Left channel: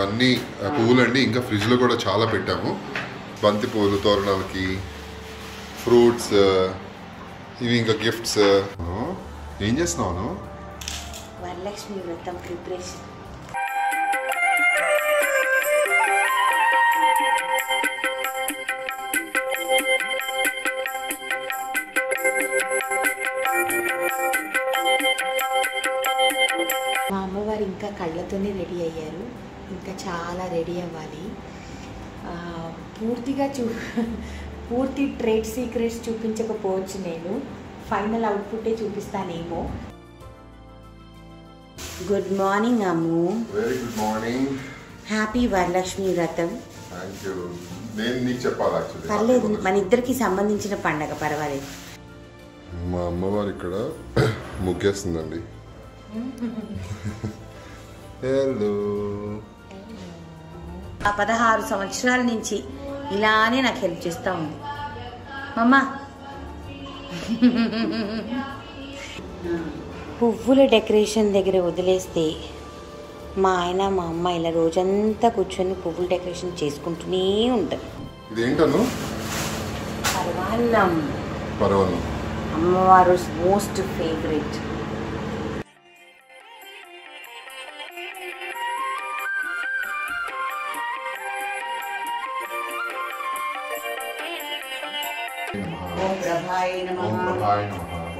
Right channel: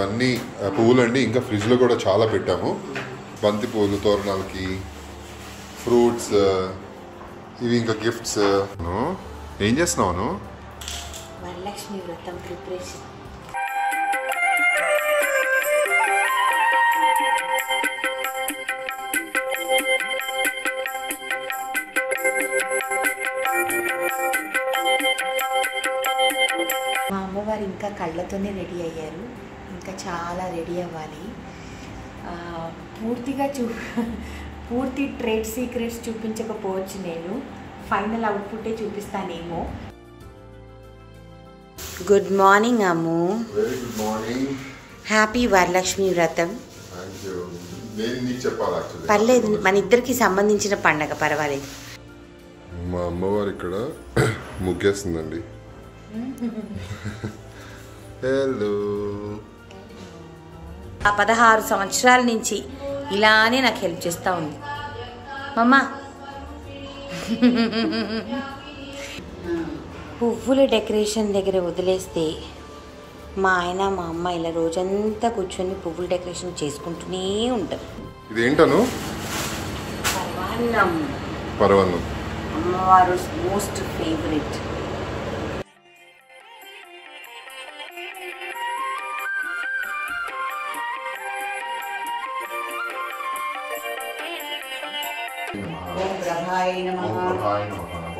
ఇవన్నీ పువ్వులండి. ఇంకా ఫ్రిడ్జ్లో కూడా చాలా పెట్టాము. బంతి పువ్వులు తోరణాలకి, ఫ్రూట్స్, ఇవి ఇంకా గిఫ్ట్స్. ఏం చేస్తున్నావు? వరలక్ష్మి వ్రతం ప్రిపరేషన్. మా అమ్మవారు ఇంకా కళ్ళతోనే రెడీ అయ్యారు. ఇంకా చాలా రెడీ అవ్వాలి. పూర్తి ట్రేడ్ సీక్రెట్స్ చూపించకపోవచ్చు. నేను ఫైనల్ అవుట్పుట్టే చూపిస్తానేమో. Good morning Ammu. Very good morning. Happy Varalakshmi Vratham. Thank you. నేను నీకు చెప్పాలి యాక్చువల్లీ. పర్లేదు, మన ఇద్దరికి సంబంధించిన పండగ, పర్వాలేదు. మా అమ్మవారు ఇక్కడ ముగ్గేస్తుందండి. హలో. 16 సంవత్సరాల నుంచి ఇలానే నాకు హెల్ప్ చేస్తూ ఉంది మమ్మ. పువ్వుల డెకరేషన్ దగ్గర వదిలేస్తే మా ఆయన మా అమ్మ ఇలా రోజంతా కూర్చొని పువ్వుల డెకరేషన్ చేసుకుంటూనే ఉంటాం. ఇదేంటను? పరవన్నం. అమ్మవారు మోస్ట్ ఫేవరెట్.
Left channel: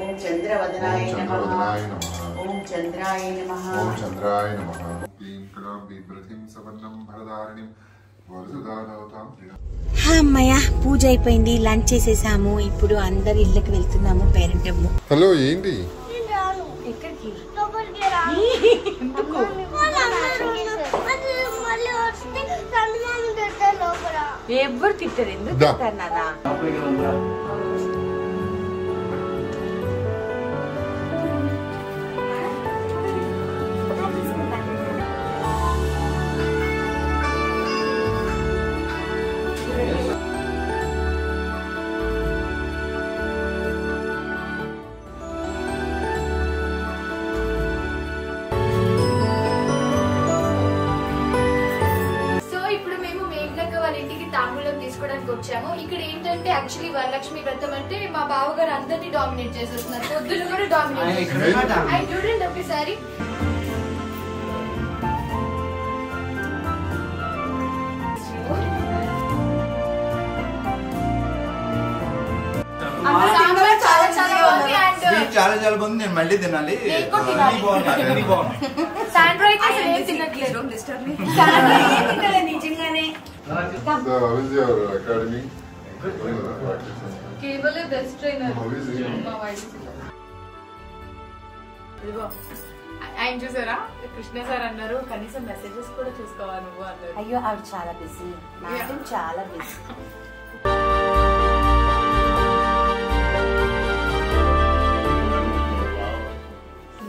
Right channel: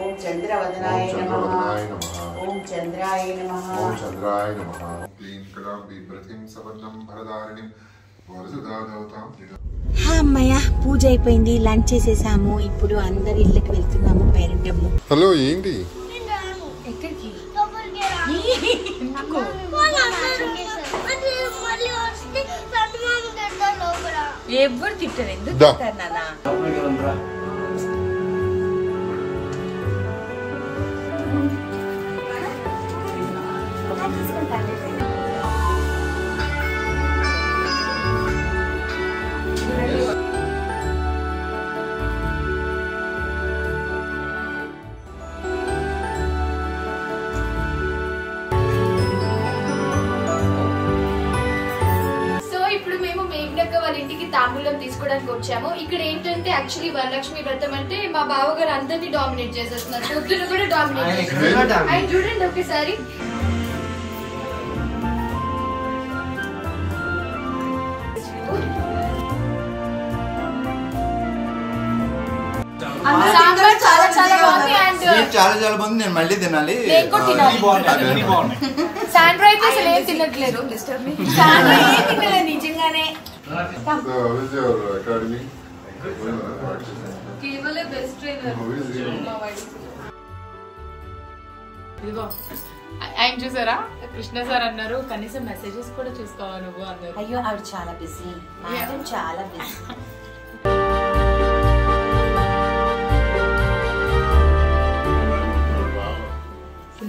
ఓం చంద్రవదనాయ నమః. ఓం చంద్రాయ నమః. ఓం చంద్రాయ నమః. క్లీం కరాం బిభ్రతిం సవర్ణం భరదారణిం వరదదాదవతాం. అమ్మయ్య, పూజ అయిపోయింది, లంచ్ చేసేసాము. ఇప్పుడు అందరి ఇళ్ళకి వెళ్తున్నాము. పేరెంటమ్ము. హలో, ఏంటి? ఎక్కడికి? ఎవరు తిట్టారు? ఎందుకు తిట్టారు నాన్న? ఇంటికి తాంబూలం తీసుకోవడానికి వచ్చాము. ఇక్కడ ఏంటంటే యాక్చువల్లీ వరలక్ష్మి వ్రతం అంటే మా బావగారు అందరినీ డామినేట్ చేసేస్తున్నారు. పొద్దున కూడా డామినేట్ చేస్తున్నారు. చూడండి ఒకసారి. చాలా బాగుంది. నేను మళ్ళీ తినాలి. నిజంగానే బెస్ట్ ట్రైనర్. ఇదిగో ఆయన చూసారా, కృష్ణ సార్ అన్నారు కనీసం మెసేజెస్ కూడా చూసుకోవా నువ్వు అన్నారు. అయ్యో ఆవిడ చాలా బిజీ, చాలా బిజీ.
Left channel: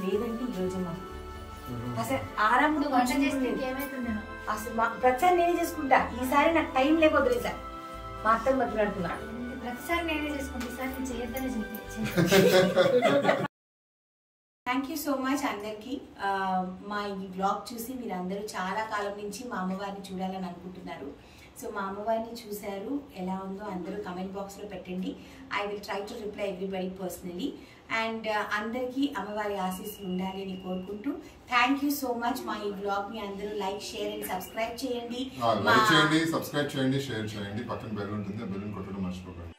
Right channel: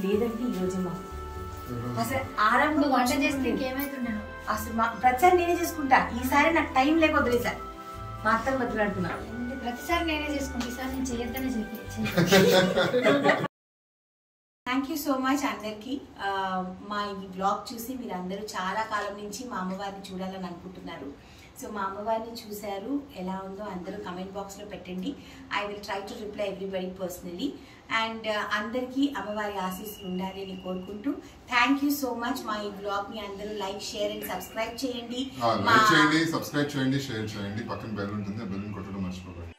లేదంటే ఈ రోజు అసలు ఆరంభం వంట చేస్తే ఏమైతుండను. అసలు ప్రతిసారి నేనే చేసుకుంటా. ఈసారి నాకు టైం లేక వదిలేసారి మా అత్తకు మాట్లాడుతున్నా. ప్రతిసారి నేనే చేసుకుంటా, ఈసారి నేను చేయొద్దనే చెప్పి. థ్యాంక్ యూ సో మచ్ అందరికి. మా ఈ బ్లాగ్ చూసి మీరు అందరూ చాలా కాలం నుంచి మా అమ్మవారిని చూడాలని అనుకుంటున్నారు. సో మా అమ్మవారిని చూశారు, ఎలా ఉందో అందరూ కమెంట్ బాక్స్ లో పెట్టండి. I will try to reply everybody personally. And అందరికీ అమ్మవారి ఆశీస్సులు ఉండాలి అని కోరుకుంటూ థ్యాంక్ యూ సో మచ్. మా ఈ బ్లాగ్ ని అందరూ లైక్, షేర్ అండ్ సబ్స్క్రైబ్ చేయండి. సబ్స్క్రైబ్ చేయండి, షేర్ చేయండి. పక్కన బెల్ ఉంటుంది, బెల్ కొట్టడం మర్చిపోకండి.